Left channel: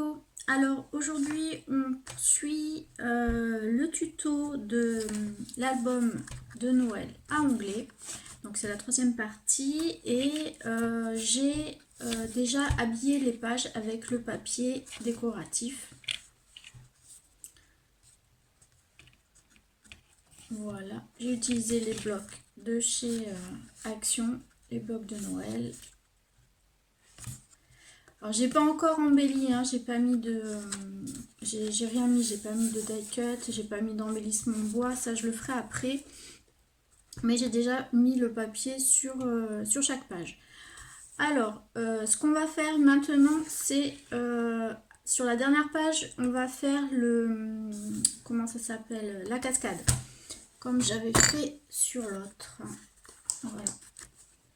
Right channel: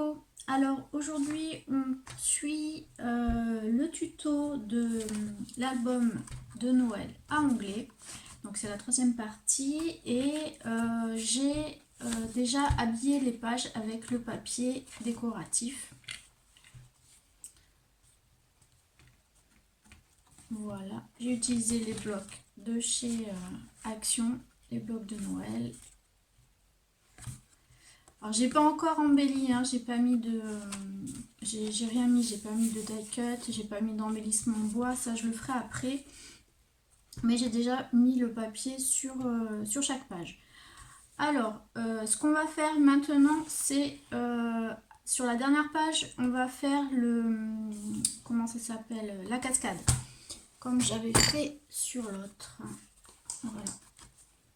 Coco. Alors aujourd'hui on poursuit le tuto de l'album de Noël à onglet. Donc c'est la troisième partie et j'ai déjà habillé les pages avec le papier décoratif. Voilà, j'ai utilisé les blocs de chez Action, les blocs de Noël. Alors j'ai pas encore embelli, hein, j'ai pas mis de, j'ai rien mis, j'ai pas mis de die cut, j'ai pas mis d'embellissement bois, ça je le ferai après. Mais j'ai déjà mis le papier sur chaque page. Alors, ce qu'on va faire maintenant, c'est sur la dernière page, on va faire le, comment ça s'appelle, la cascade, comme j'avais fait sur l'autre. Voilà,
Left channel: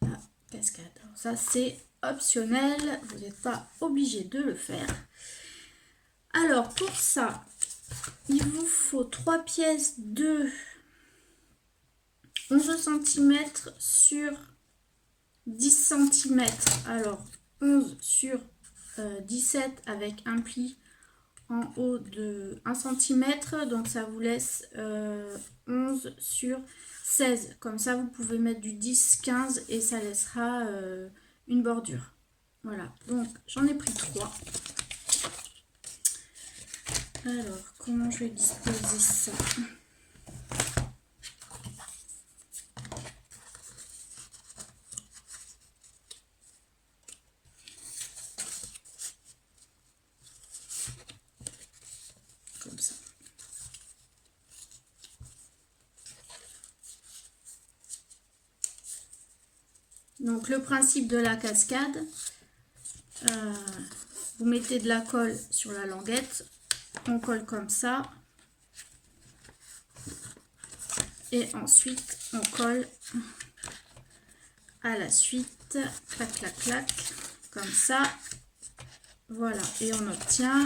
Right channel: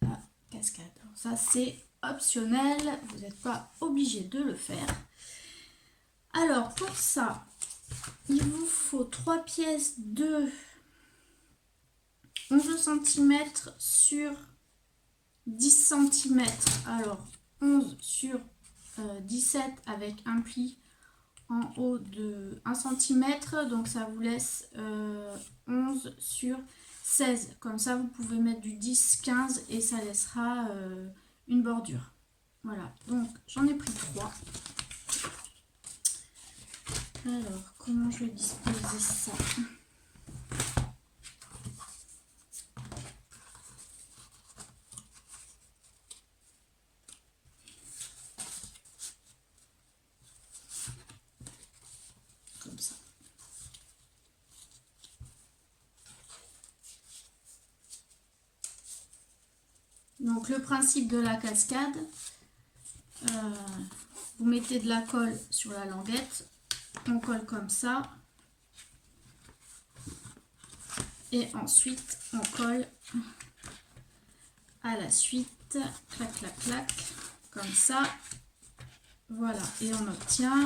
la cascade. Alors ça c'est optionnel, vous n'êtes pas obligé de le faire. Alors pour ça, il vous faut 3 pièces de 11 cm sur 10 cm. Alors 11 sur 17 avec un pli en haut de 1 cm. Donc ça vous laisse 11 sur 16. Comme ça vous pouvez mettre du 10, 15 et ça laissera une bordure. Voilà, donc j'en ai pris 3. Alors, comment je vais disposer ça? Comme ça. Donc, le principe de la cascade, vous mettez de la colle sur la languette, on colle comme ça, et ensuite on colle à la suite, clac, clac, clac, comme ça, voilà, et on obtient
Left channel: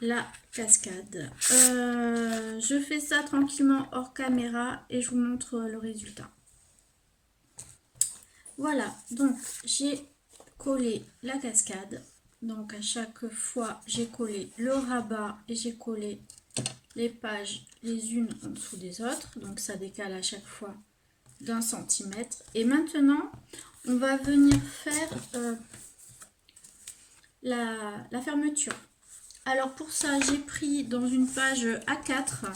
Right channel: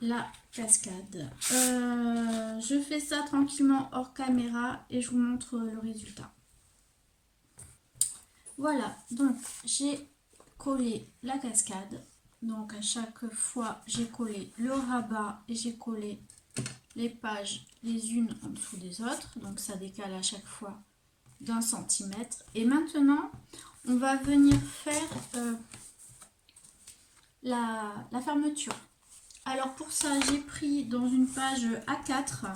la cascade. Je fais ça tranquillement hors caméra et je vous montre le résultat. Voilà, donc j'ai collé la cascade. Donc à chaque fois, j'ai collé le rabat et j'ai collé les pages les unes en dessous des autres. Donc ça décale à chaque fois d'1 centimètre. Et maintenant, on va venir faire la fermeture. Alors pour ça, j'ai pris dans une page A4,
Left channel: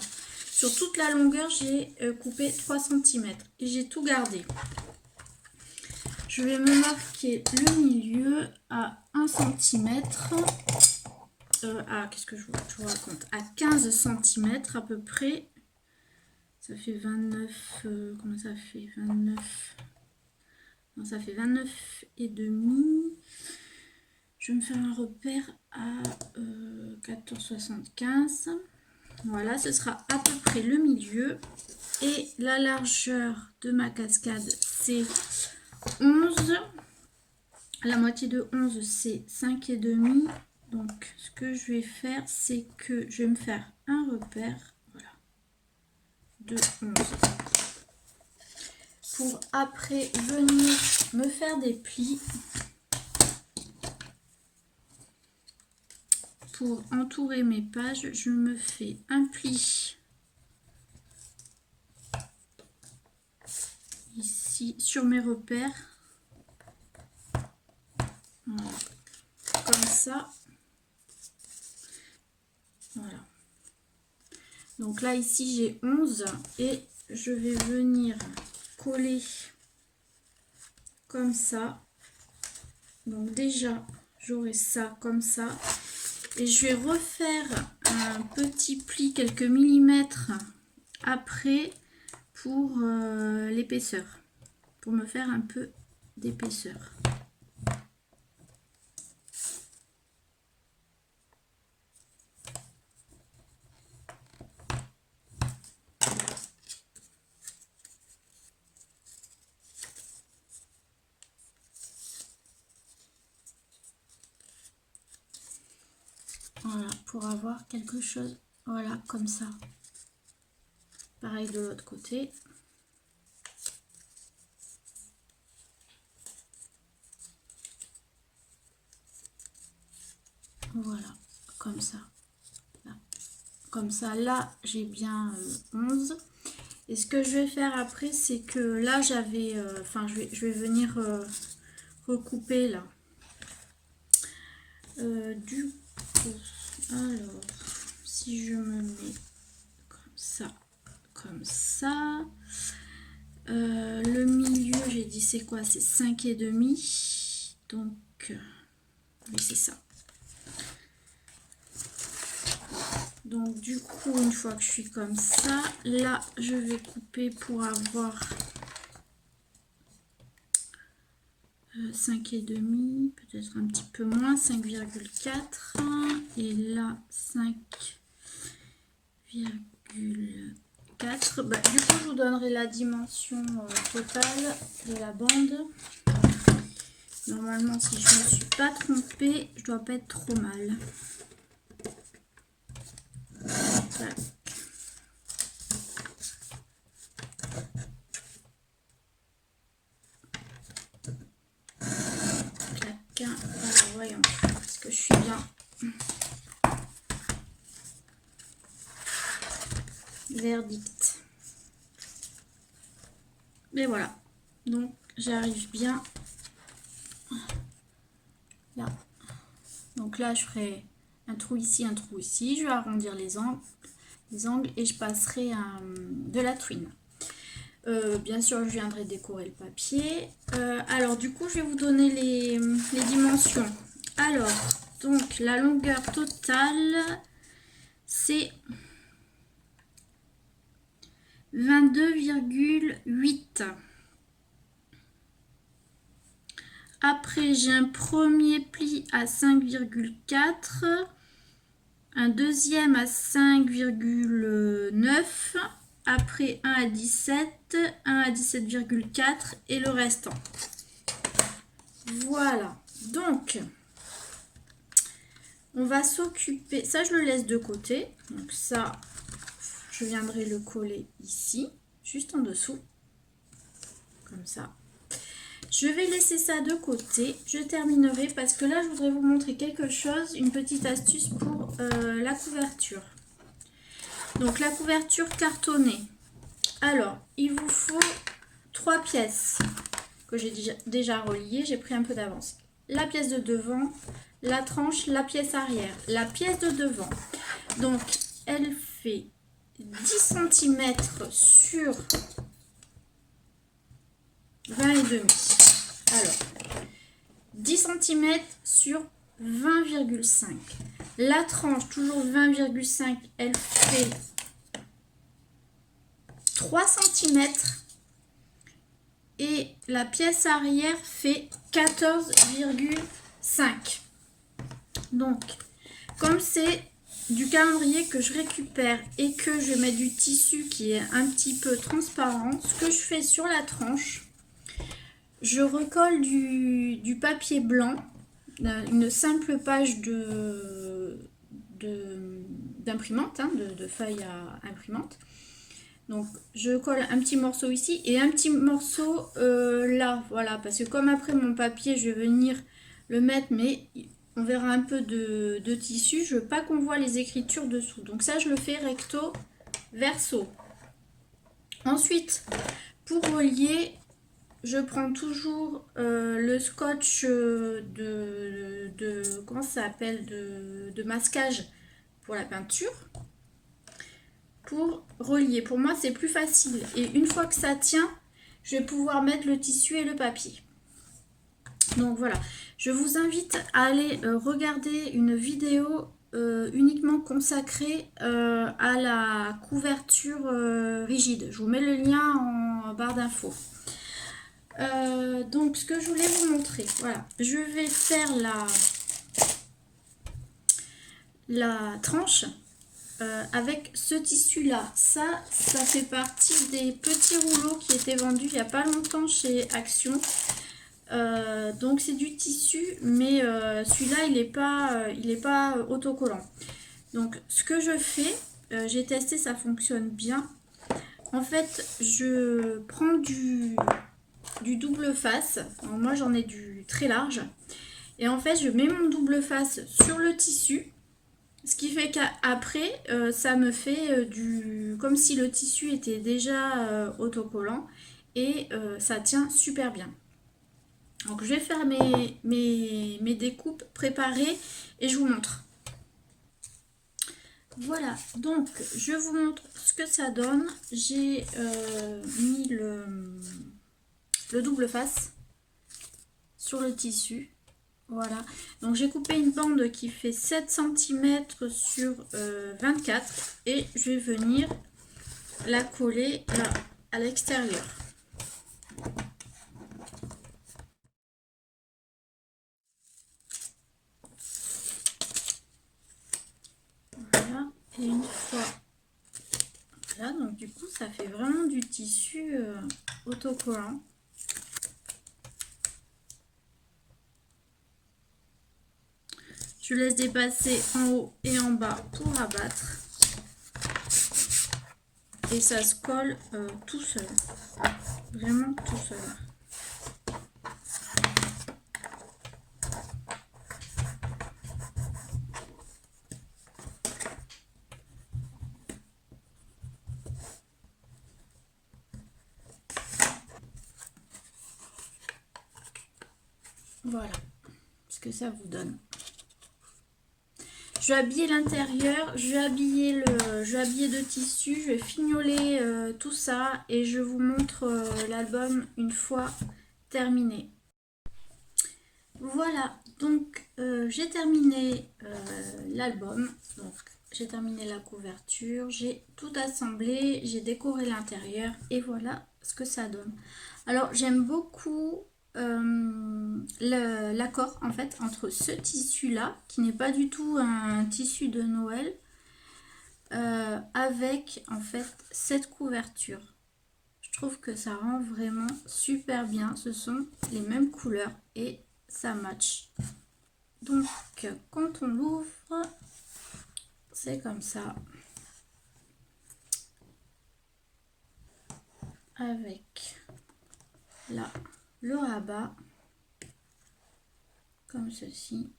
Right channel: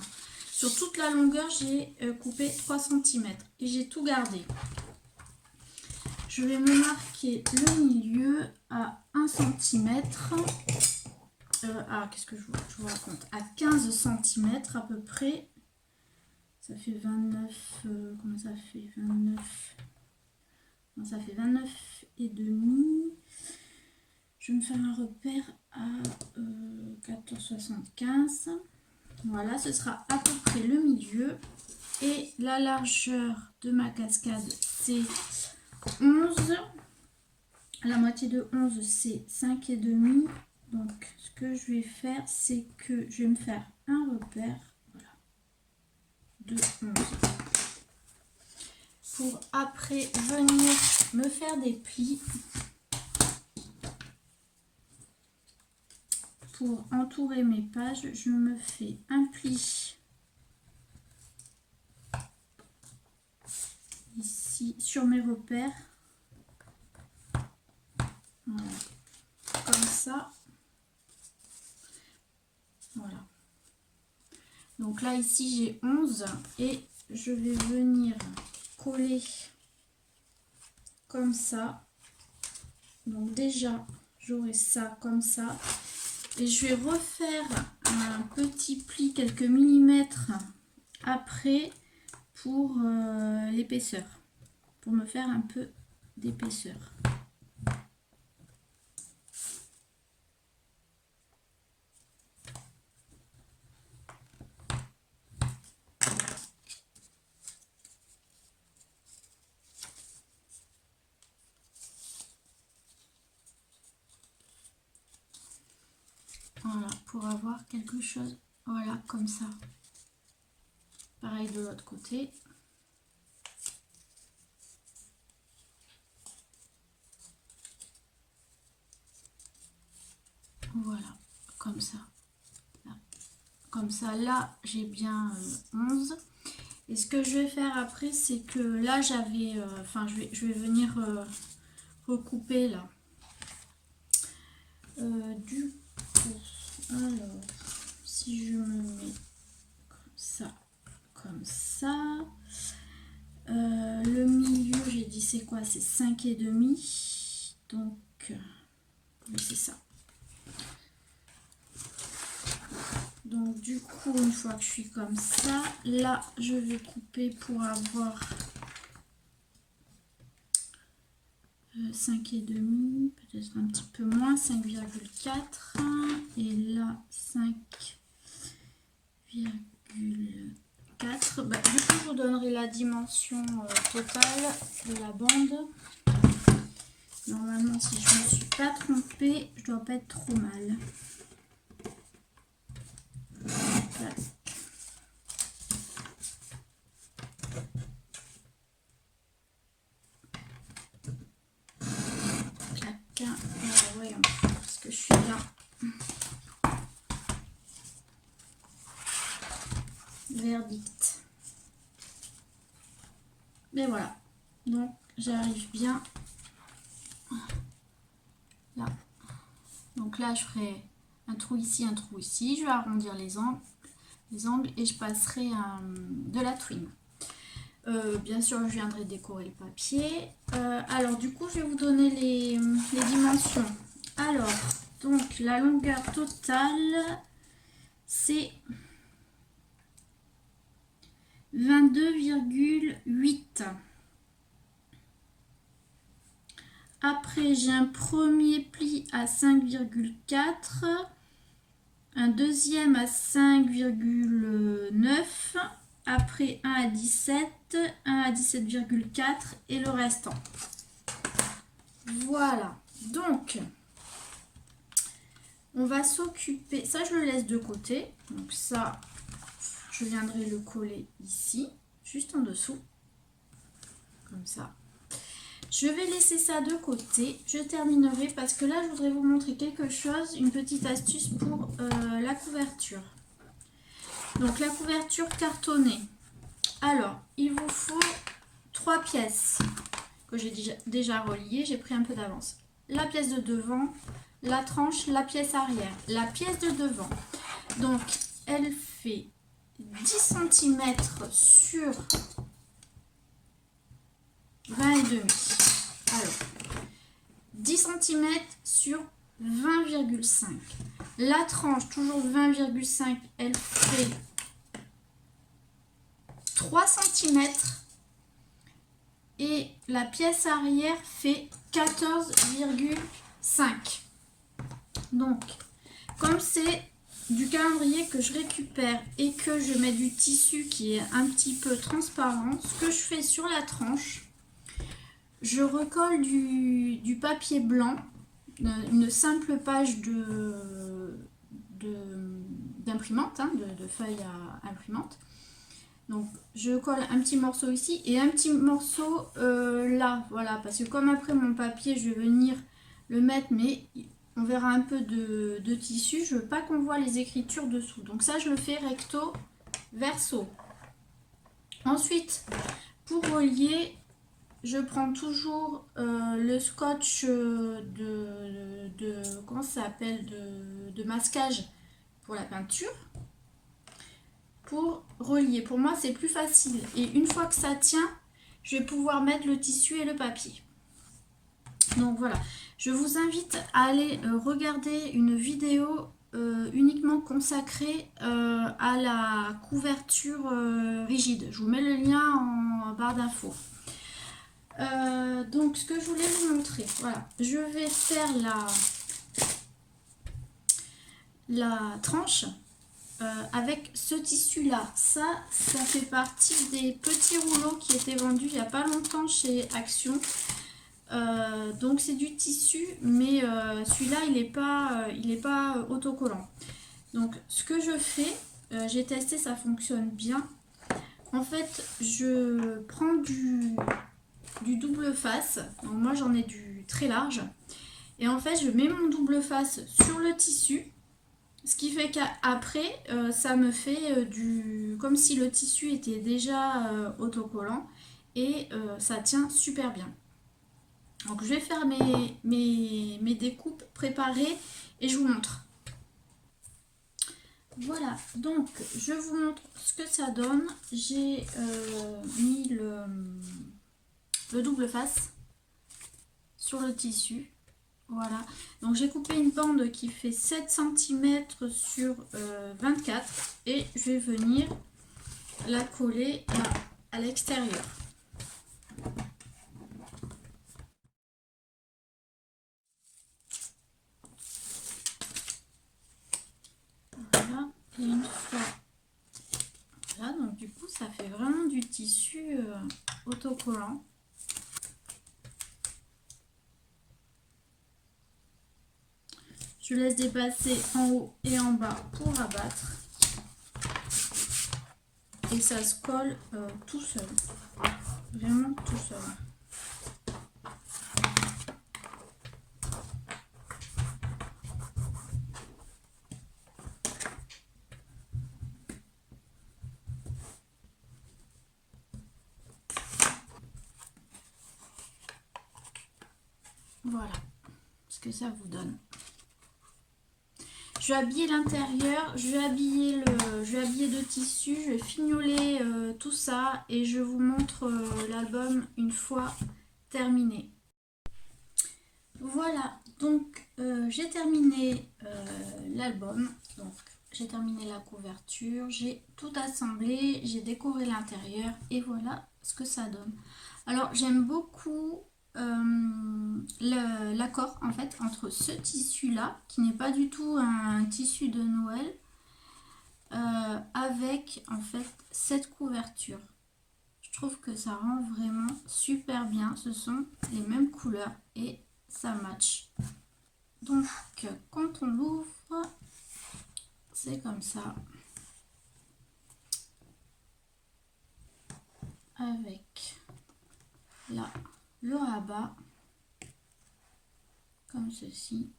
sur toute la longueur, j'ai coupé 3 cm et j'ai tout gardé. Je vais me marquer le milieu à 1 cm, qu'est-ce que je vous raconte, à 15 cm à peu près. Ça fait 29, comment ça fait 29, non, ça fait 29 et demi. Je vais me faire un repère à 14,75. Voilà, ce sera à peu près le milieu. Et la largeur de ma cascade, c'est 11. La moitié de 11, c'est 5,5. Donc, ce que je vais faire, c'est que je vais me faire un repère, voilà, de 11. Pour après venir me faire des plis. Pour entourer mes pages, je me fais un pli ici sur mes repères. Voilà. Comme ça. Voilà. Donc là, ici, j'ai 11 et je vais venir coller comme ça. Donc déjà, j'aurai ça comme ça. Et je vais refaire un petit pli quelques millimètres après pour l'épaisseur, pour me faire un peu d'épaisseur. Voilà, pour avoir quelque chose, voilà, comme ça. Pareil de l'autre côté. Voilà, comme ça. Là. Comme ça, là, j'ai bien 11. Et ce que je vais faire après, c'est que là, j'avais... Enfin, je vais venir recouper, là. Du coup, alors, si je me mets comme ça... le milieu, j'ai dit c'est quoi? C'est 5,5. Donc, oui, c'est ça. Donc, du coup, une fois que je suis comme ça, là, je vais couper pour avoir 5,5, peut-être un petit peu moins, 5,4. Et là, 5,4. Bah, du coup, je vous donnerai la dimension totale de la bande. Normalement, si je ne me suis pas trompée, je dois pas être trop mal. Voilà. Clac. Alors, voyons, est-ce que je suis bien verdict. Mais voilà, donc j'arrive bien là. Donc là, je ferai un trou ici, un trou ici. Je vais arrondir les angles et je passerai de la twine. Bien sûr, je viendrai décorer le papier. Alors, du coup, je vais vous donner les dimensions. Alors, donc, la longueur totale, c'est 22,8. Après, j'ai un premier pli à 5,4. Un deuxième à 5,9. Après, un à 17. Un à 17,4. Et le restant. Voilà. Donc, on va s'occuper... Ça, je le laisse de côté. Donc ça, je viendrai le coller ici, juste en dessous. Comme ça. Je vais laisser ça de côté. Je terminerai parce que là, je voudrais vous montrer quelque chose, une petite astuce pour la couverture. Donc, la couverture cartonnée. Alors, il vous faut 3 pièces que j'ai déjà reliées. J'ai pris un peu d'avance. La pièce de devant, la tranche, la pièce arrière. La pièce de devant. Donc, elle fait 10 cm sur 20,5. Alors, 10 cm sur 20,5. La tranche, toujours 20,5, elle fait 3 cm. Et la pièce arrière fait 14,5. Donc, comme c'est du calendrier que je récupère et que je mets du tissu qui est un petit peu transparent, ce que je fais sur la tranche, je recolle du papier blanc, une simple page d'imprimante, de feuille à imprimante. Donc je colle un petit morceau ici et un petit morceau là, voilà, parce que comme après mon papier, je vais venir le mettre, mais on verra un peu de tissu, je veux pas qu'on voit les écritures dessous. Donc ça, je le fais recto, verso. Ensuite, pour relier, je prends toujours le scotch comment ça s'appelle, de masquage pour la peinture, pour relier. Pour moi, c'est plus facile. Et une fois que ça tient, je vais pouvoir mettre le tissu et le papier. Donc voilà, je vous invite à aller regarder une vidéo uniquement consacrée à la couverture rigide. Je vous mets le lien en barre d'infos. Donc ce que je voulais vous montrer, voilà, je vais faire la tranche avec ce tissu là. Ça fait partie des petits rouleaux qui étaient vendus il n'y a pas longtemps chez Action. Donc c'est du tissu, mais celui-là il est pas autocollant. Donc ce que je fais, j'ai testé, ça fonctionne bien. En fait, je prends du double face. Donc moi j'en ai du très large Et en fait, je mets mon double face sur le tissu. Ce qui fait qu'après, ça me fait comme si le tissu était déjà autocollant. Et ça tient super bien. Donc je vais faire mes découpes préparées et je vous montre. Voilà, donc je vous montre ce que ça donne. J'ai mis le double face sur le tissu. Voilà, donc j'ai coupé une bande qui fait 7 cm sur 24 et je vais venir la coller à l'extérieur. Voilà, et une fois là, donc du coup ça fait vraiment du tissu autocollant. Je laisse dépasser en haut et en bas pour abattre. Et ça se colle tout seul. Vraiment tout seul. Voilà ce que ça vous donne. Je vais habiller l'intérieur, je vais habiller de tissu, je vais fignoler tout ça et je vous montre l'album une fois terminé. Voilà, donc j'ai terminé l'album, donc j'ai terminé la couverture, j'ai tout assemblé, j'ai décoré l'intérieur et voilà ce que ça donne. Alors j'aime beaucoup l'accord en fait entre ce tissu là qui n'est pas du tout un tissu de Noël avec en fait cette couverture. Je trouve que ça rend vraiment super bien, ce sont les mêmes couleurs et ça match. Donc quand on l'ouvre, c'est comme ça avec là le rabat comme ceci.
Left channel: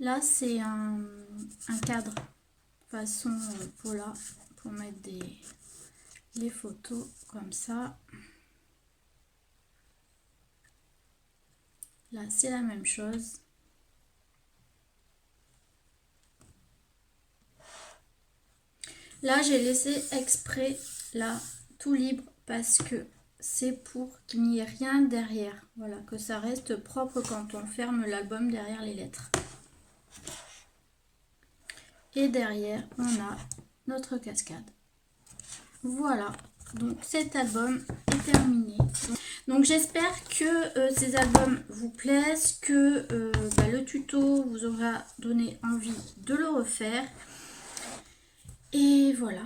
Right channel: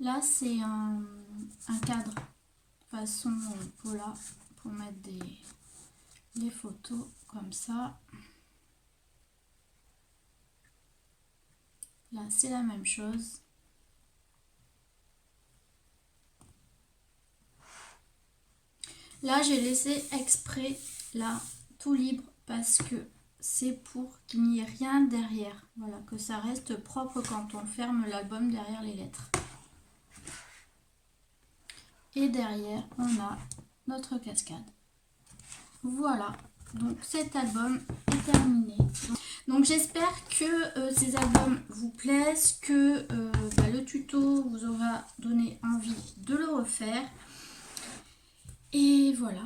Là c'est un cadre façon Paula pour mettre les photos comme ça. Là c'est la même chose. Là j'ai laissé exprès là tout libre parce que c'est pour qu'il n'y ait rien derrière. Voilà, que ça reste propre quand on ferme l'album derrière les lettres. Et derrière on a notre cascade. Voilà, donc cet album est terminé. Donc j'espère que ces albums vous plaisent, que le tuto vous aura donné envie de le refaire. Et voilà,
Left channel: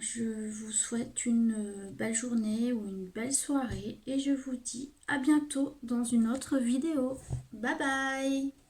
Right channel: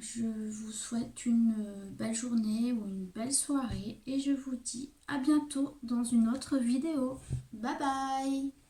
je vous souhaite une belle journée ou une belle soirée et je vous dis à bientôt dans une autre vidéo. Bye bye!